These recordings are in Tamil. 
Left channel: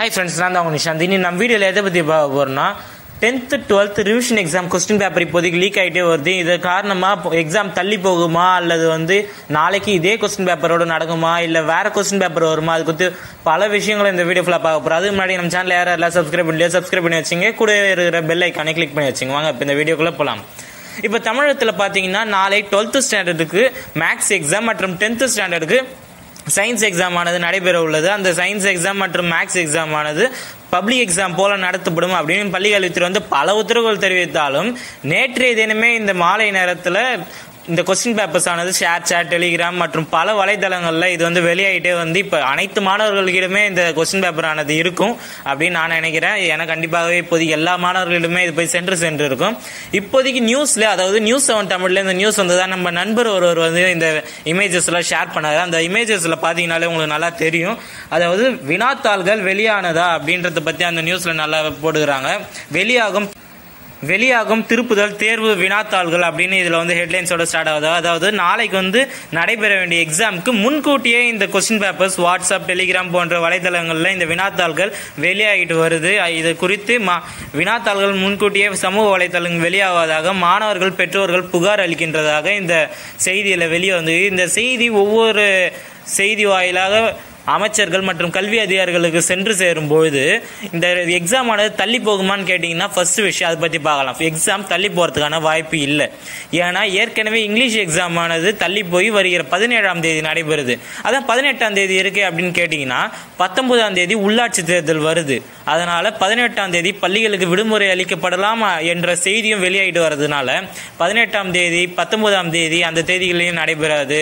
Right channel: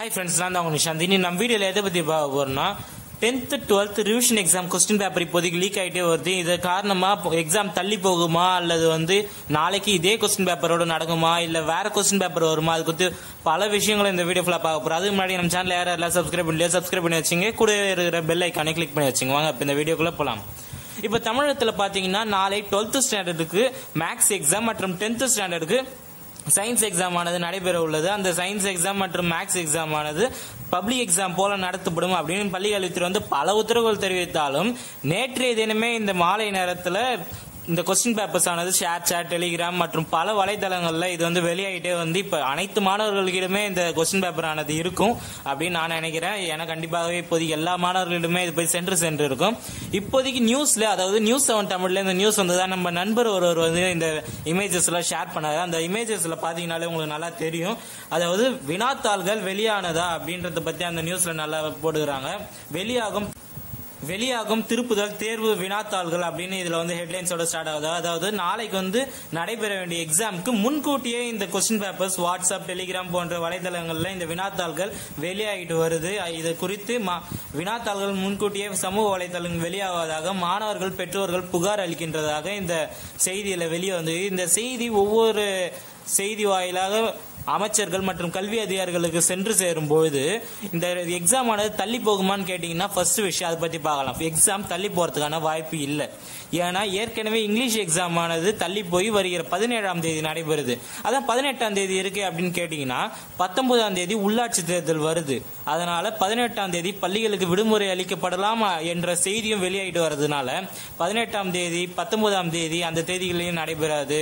Hi friends, நான் தான் உங்க நிஷாந்த். இனி நம்ம வீடியோல எதை பத்தி பார்க்க போறோம்னா 10th 12th revision exam question paper இப்போதைக்கு லீக் ஆகிட்டே வருது. இது காரணமா எக்ஸாம் தள்ளி போகுமா அல்லது நாளைக்கு இதே கொஸ்டின் பேப்பரோட நடக்குமா இல்ல வேற கொஸ்டின் பேப்பர் வருமா, அது குறித்து பல விஷயங்களை இந்த வீடியோ ஃபுல்லா பார்க்க போறோம். அதுக்கு முன்னாடி நம்ம சேனல் யாரெல்லாம் சப்ஸ்கிரைப் பண்ணி வச்சுங்க, கூட இருக்கிற பெல் ஐக்கானை கிளிக் பண்ணி வச்சுங்க. வாங்க இப்போ இந்த வீடியோக்குள்ள போலாம். இப்போ தமிழகத்தில் பார்த்தீங்கன்னா நாளை 12th ஸ்டாண்டர்டுக்கு மேக்ஸ் எக்ஸாம் மற்றும் 10th ஸ்டாண்டர்டுக்கு சயின்ஸ் எக்ஸாம் ஆனது நடைபெற உள்ளது. அந்த சயின்ஸ் எக்ஸாம் மற்றும் மேக்ஸ் எக்ஸாம் ஆனது பப்ளிக் எக்ஸாம் போல நடத்தப்படும் அப்படின்னு பள்ளிக்கல்வித்துறை பல உத்தரவுகள் தெரிவித்தாலும் நேற்றைய தினமே இந்த மாலை நேரத்தில் இந்த கொஸ்டின் பேப்பர்ஸ் ஆனது ஷேர் டெலிகிராம் மற்றும் பல வலைதளங்கள்ல இது வெளியாகிட்டே இப்ப அனைத்து மாணவர்களிடமே இந்த கொஸ்டின் பேப்பர் ஆனது இருக்கும் அப்படின்னு நான் நினைக்கிறேன். ஏன்னா கண்டிப்பாகவே இப்போதைக்கு எல்லா மாணவர்களிடமே இது போய் சென்று இருக்கும். இப்போதைக்கு நியூஸ்ல, அதாவது நியூஸ் 7 தமிழ்ல இந்த நியூஸ் வந்ததா நம்ம நண்பர் ஒருவர் இந்த இமேஜஸ் எல்லாம் ஷேர் பண்ணாரு. அந்த இமேஜஸ்ல பாத்தீங்கன்னாலே உங்களுக்கு நல்லா தெரியும். அதாவது வினாத்தாள்கள் வெளியானதா அப்படின்றத பத்தி அந்த நியூஸ்ல நல்லா போடுகிறாங்க. வெளியாகும் திருப்புதல் தேர்வு வினாத்தாள்கள் அப்படின்னு இதுல ஹெட்லைன்ஸோட ஸ்டார்ட் ஆகுது. அதாவது நாளைக்கு நடைபெற வேண்டிய எக்ஸாமுக்கு முன்கூட்டியே இந்த கொஸ்டின் பேப்பர்ஸ் வாட்ஸ்அப், டெலிகிராம் போன்ற வலைதளங்கள்ல இந்த வினாத்தாள்கள் வெளியாகிட்டு வருது. இது குறித்து வினாத்தாள்கள் முன்கூட்டியே சமூக வலைதளங்கள் வெளியாவதாக மாணவர்கள் பெற்றோர்கள் புகார் அளிக்கின்றதாக இந்த செய்தியில வெளியே வந்தது. இந்த செய்தி ஒவ்வொரு செய்தி வாயிலாக அமைச்சர்கள் மற்றும் கல்வி அதிகாரிகளுக்கு சென்று சேரும் பொழுது இந்த எக்ஸாம் ஆனது தள்ளி போகுமான்னு கேட்டீங்கன்னா ஃபர்ஸ்ட் விஷயம் அதை பத்தி பார்க்கலாம். எக்ஸாம் தள்ளி போறதுக்கான வாய்ப்பு இல்லை. ஏன்னா ஏற்கனவே இங்கிலீஷ் எக்ஸாம் ஆனது தள்ளி போய் வருகிற 17ஆம் தேதி நடைபெறுது. அதான் 18ஆம் தேதி இருக்கு அப்படின்னு கேட்டீங்கன்னா 19ஆம் தேதி உள்ளாட்சி தேர்தல் வருது. அதனால 18ஆம் தேதி பள்ளிகளுக்கு விடுமுறை அளிக்கப்படலாம் என்ற செய்தியும் வெளியாகிட்டு வர்றதுனால 18ஆம் தேதி 19ஆம் தேதி அந்த தேதிகளையும் நடைபெறாது.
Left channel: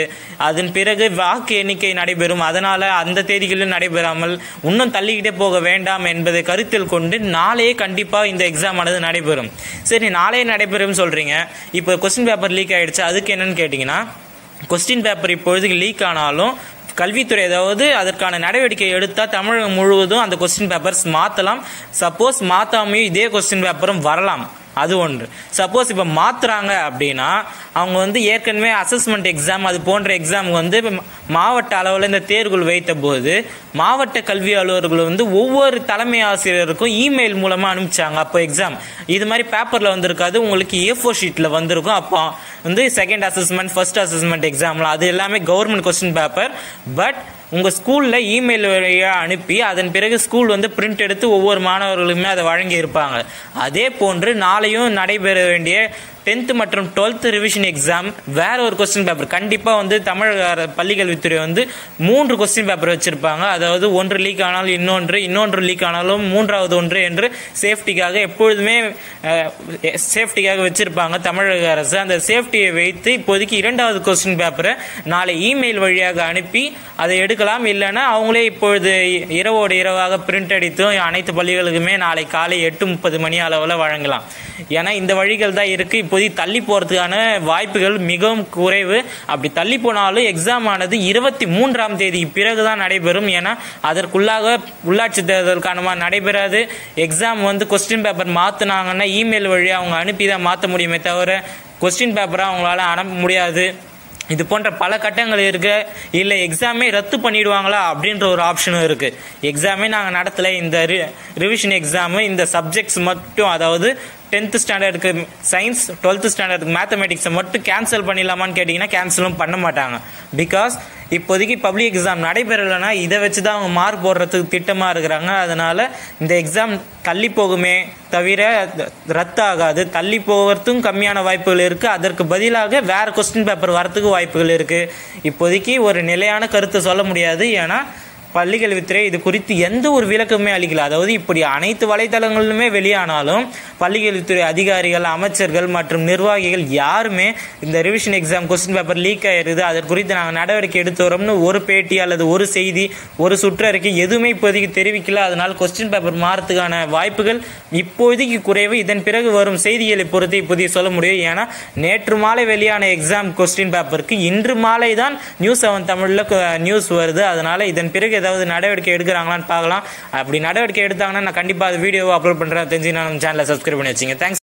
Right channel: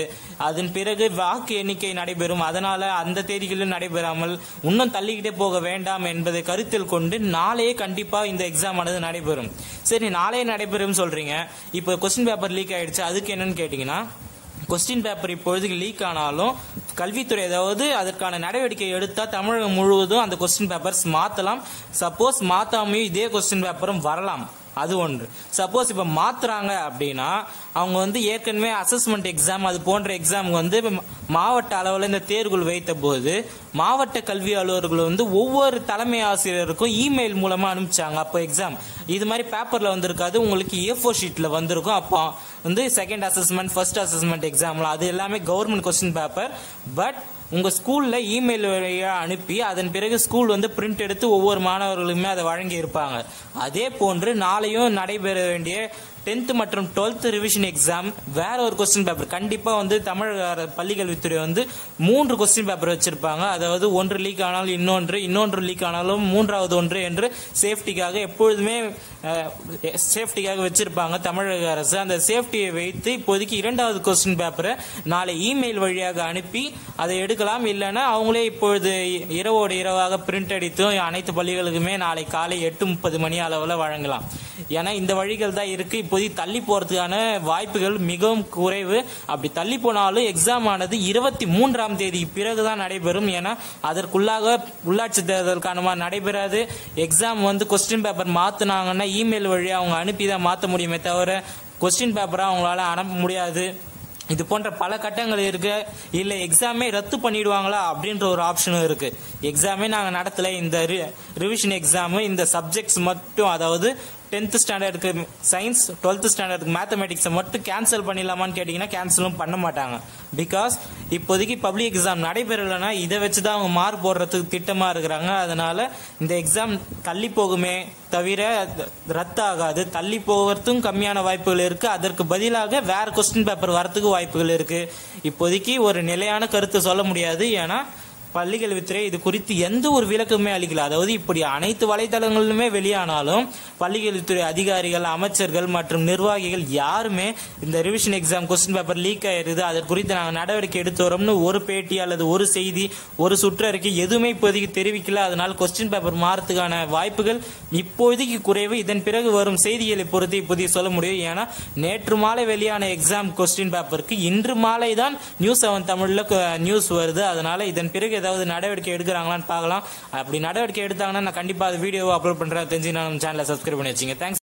அதன் பிறகு வாக்கு எண்ணிக்கை நடைபெறும். அதனால அந்த தேதிகளிலும் நடைபெறாமல் இன்னும் தள்ளிக்கிட்டே போக வேண்டாம் என்பதை கருத்தில் கொண்டு நாளையே கண்டிப்பா இந்த எக்ஸாம் ஆனது நடைபெறும். சரி, நாளையே நடைபெறும் சொல்றீங்க. இப்போ கொஸ்டின் பேப்பர் லீக் ஆயிடுச்சு, அதுக்கு என்னன்னு கேட்டீங்கன்னா கொஸ்டின் பேப்பர் இப்பொழுதுக்கு லீக் ஆனாலும் கல்வித்துறை ஏதாவது அதற்கான நடவடிக்கை எடுத்தா தமிழகம் முழுவதும் அந்த கொஸ்டின் பேப்பர்ஸ் மாத்தலாம். சப்போஸ் மாத்தாமையும் இதே கொஸ்டின் பேப்பரும் வரலாம். அது ஒன்று. சப்போஸ் இப்ப மாத்துறாங்க அப்படின்னா அவங்க ஏற்கனவே அசஸ்மெண்ட் எக்ஸாம் அது போன்ற எக்ஸாம் மாவட்ட அளவில் இந்த தேர்வுகள் வைத்த போது மாவட்ட கல்வி அலுவலர்கள் ஒவ்வொரு தலைமை ஆசிரியருக்கும் இமெயில் மூலமா அனுப்பிச்சாங்க. அப்போ எக்ஸாம் இது மாதிரி பேப்பர்ல வந்திருக்காது, உங்களுக்கு A4 ஷீட்ல வந்திருக்கும். அப்போ செகண்ட் அசஸ்மெண்ட், ஃபர்ஸ்ட் அசஸ்மெண்ட் எக்ஸாம்ல அது எல்லாமே கவர்மெண்ட் கொஸ்டின் பேப்பர். பட் உங்க ஸ்கூல்ல இமெயில் வழியா அனுப்பி அதன் பிறகு ஸ்கூல் பிரிண்ட் எடுத்து ஒவ்வொரு மாணவர்களுமே அதை வழங்கி இருப்பாங்க. அதே போன்று நாளையும் நடைபெற வேண்டிய 10th மற்றும் 12th ரிவிஷன் எக்ஸாம் வேற ஒரு கொஸ்டின் பேப்பர் கண்டிப்பா தமிழக பள்ளிக்கல்வித்துறை 3 கொஸ்டின் பேப்பர் வச்சிருப்பாங்க. அதாவது ஒன்று லீக் ஆனாலும் இன்னொன்று லீக் ஆனாலும் மூன்றாவது ஒன்று என்று சேஃப்டிக்காக எப்பொழுதுமே சேஃப்டிக்காக வச்சிருப்பாங்க தமிழக அரசு. அந்த சேஃப்டியை வைத்து இப்போதைக்கு 2வது கொஸ்டின் பேப்பரை நாளை இமெயில் வழியாக அனுப்பி அதை எடுக்கலாம். இல்லைன்னா அவங்களே இப்பொழுது இரவோடு இரவாக பிரிண்ட் அடித்து அனைத்து பள்ளிகளுக்குமே நாளை காலை 8:30 மணி அளவில் வழங்கலாம். ஏன்னா இந்த வழிகள் தான் இருக்கு. இப்போதைக்கு தள்ளி போறதுக்கான வாய்ப்புகள் மிகவும் குறைவு. அப்படி தள்ளி போனாலும் எக்ஸாம் ஆனது 23ஆம் தேதி பிறகுதான் நடைபெறும். ஏன்னா அதற்குள்ளாக உள்ளாட்சி தேர்தலுக்கான நடைபெறாது. எக்ஸாம் கொஸ்டின் பேப்பர் மாத்தினாங்கன்னா இமெயில் வழியா அவங்க அனுப்பிதான் மாற்ற முடியுமே தவிர கொஸ்டின் பேப்பரா அவங்களால அனுப்ப முடியாது. இது போன்ற பல கட்டங்கள் இருக்கு. இல்ல எக்ஸாமே ரத்து பண்ணிடுவாங்களா அப்படின்ற ஒரு ஆப்ஷனும் இருக்கு. எக்ஸாமே நாங்க நடத்தல, இந்த ரிவிஷன் எக்ஸாம் இந்த சப்ஜெக்ட்ஸ் மட்டும், அதாவது 10th ஸ்டாண்டர்டுக்கு சயின்ஸ், 12th ஸ்டாண்டர்டுக்கு மேத்தமெட்டிக்ஸை மட்டும் கேன்சல் பண்ணிடலாமான்னு கேட்டீங்கன்னா கேன்சலும் பண்ண மாட்டாங்க. பிகாஸ் இப்போதைக்கு பப்ளிக் எக்ஸாம் நடைபெறலைன்னா இதை வச்சுதான் அவங்க மார்க் போடுறதுக்கு திட்டமா இருக்கிறாங்க. அதனால இந்த எக்ஸாம் தள்ளி போகுமே தவிர ரத்து ஆகாது. தள்ளி போகிறதுக்கும் கம்மியான வாய்ப்புகள் இருக்கு. அதற்கு பதிலாக வேற கொஸ்டின் பேப்பர் வரத்துக்கு வாய்ப்புகள் இருக்கு. இப்போதைக்கு ஒரு நிலையான கருத்தை சொல்ல முடியாது. ஏன்னா பள்ளிக்கல்வித்துறை இது குறித்து எந்த ஒரு விளக்கமே அளிக்கல. அதாவது இப்படி அனைத்து வலைதளங்களிலுமே வெளியானாலும் பள்ளிக்கல்வித்துறை அதிகாரிகள், அமைச்சர்கள் மற்றும் நிர்வாகிகள் யாருமே இந்த revision exam question paper leak ஆயிருது, அதற்கு குறித்து நாங்கள் நடவடிக்கை எடுத்து வரோம்னு ஒரு பேட்டி அல்லது ஒரு செய்தி, ஒரு சுற்றறிக்கை எதுவுமே இப்போதைக்கு தெரிவிக்கல. அதனால கொஸ்டின் பேப்பர் மாறத்துக்கான வாய்ப்புகள் இப்போதைக்கு குறைவு. இதன் பிறகு வரும் செய்திகளை பொறுத்து இப்போதைக்கு சொல்ல முடியும். ஏன்னா நேற்று மாலை வெளியான எக்ஸாம் கொஸ்டின் பேப்பருக்கு இன்று மாலை தான் நியூஸ் 7 தமிழ்ல நியூஸ் வருது. அதனால இதன் பிறகு ஏதாவது நடவடிக்கை எடுக்கிறாங்களான்னு பார்க்கலாம். அப்படி நடவடிக்கை எடுத்தாங்கன்னா நான் கண்டிப்பா வீடியோவை அப்லோட் பண்றேன். தெரிஞ்சு நம்ம சேனலை சப்ஸ்கிரைப் பண்ணி வச்சுங்க. தேங்க்ஸ்.